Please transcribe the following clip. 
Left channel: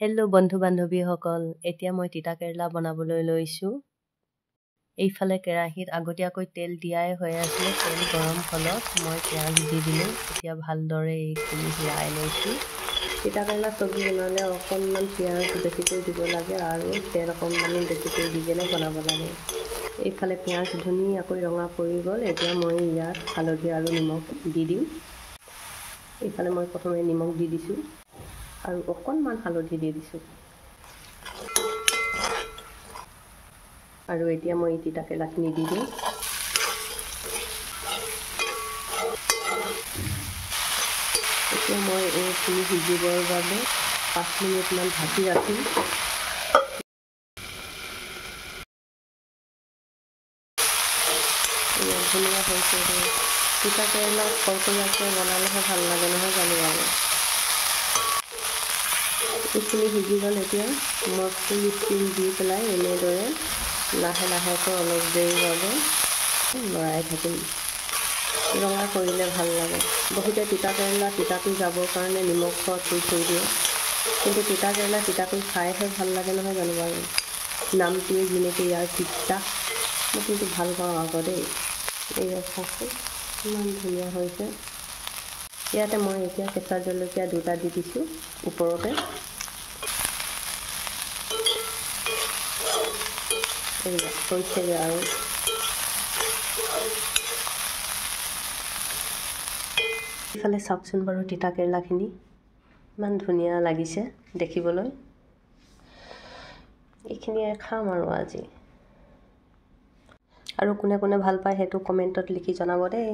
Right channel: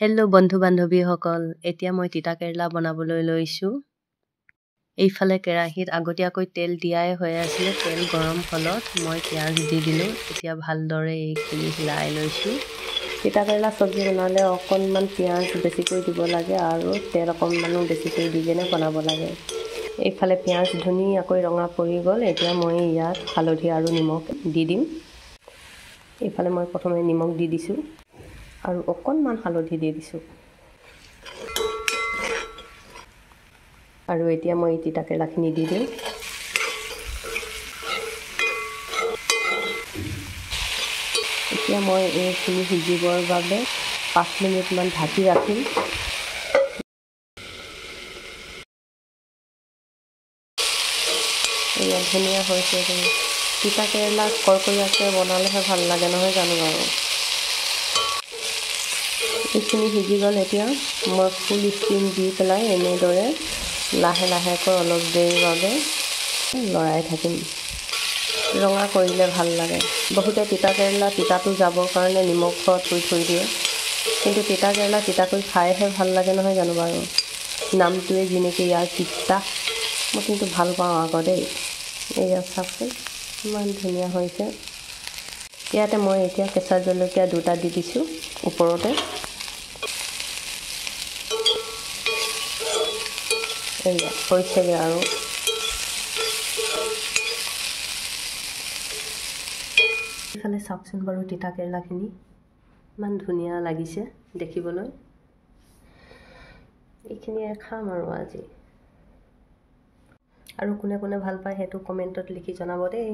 Hello' বন্ধু বান্ধৱীসকল, এতিয়া মই তিতা কেৰেলা বনাবলৈ লৈছোঁ। এইফালে কেৰাহীত আগতীয়াকৈ তেল দিয়াই হৈ আছিলে। তেল গৰম হ'লত মই পিঁয়াজ দি দিলোঁ। এতিয়া ভালদৰে এইখিনি হিলাই লৈছোঁ। তিতা কেৰেলা চব্জি বনালে অকণমান পিঁয়াজ বেছিকৈ দিব লাগে আৰু তেল অকণমানো বেছিকৈ দি কিনে বনাব লাগে। এইফালে পিঁয়াজ ধুনীয়াকৈ ৰঙা পৰি গ'ল। এতিয়া মই ইয়াত হালধি আৰু নিমখ দি দিম। এইফালে মই প্ৰথমে নিমখ দি দিছোঁ আৰু অকণমান হালধি দি দিছোঁ। আৰু এতিয়া মই তিতা কেৰেলাখিনি দি দিম। এতিয়া মই এইখিনি সিজিবৰ বাবে 5 মিনিটমান ঢাকি ৰাখিম। এয়া ধুনীয়া হৈছে। তিতা কেৰেলা কৰকৰীয়াকৈ বনালেহে ভাল লাগে, নহয় জানো বাৰু? এইখিনি সিজি গ'ল। এতিয়া মই ফুল ষ্টিম দি পেলাই এনেদৰে লাহে লাহেকৈ অলপ দেৰিৰ বাবে লৰাই থাকিম। ৰঙা কৰিলে ভাল লাগে। বহুতে তিতা কেৰেলা তিতাটো যাবৰ কাৰণে নিমখত থৈ দিয়ে, কিন্তু তিতা কেৰেলা তিতাকৈ খাইহে ভাল লাগে, নহয় জানো বাৰু? নামটোৱে যেনেকৈ ইয়াৰ তিতা, মই কিন্তু ভাল পাওঁ আকৌ দেই। এয়া চাওকচোন ইমান ধুনীয়া হৈছে। ইয়াতে মই এতিয়া কেঁচা জলকীয়া 2টা দি দিছোঁ ওপৰতে। এয়া হৈছেগৈ আৰু। এইফালে চাওকচোন বাৰু তিতা কেৰেলাখিনি ইমান ধুনীয়া লাগিছে দেখিবলৈ। এইখিনিয়ে খাম আৰু আজি। আৰু কোনে কোনে ভাল পায় সেইটো কমেণ্টত লিখি জনাব দেই।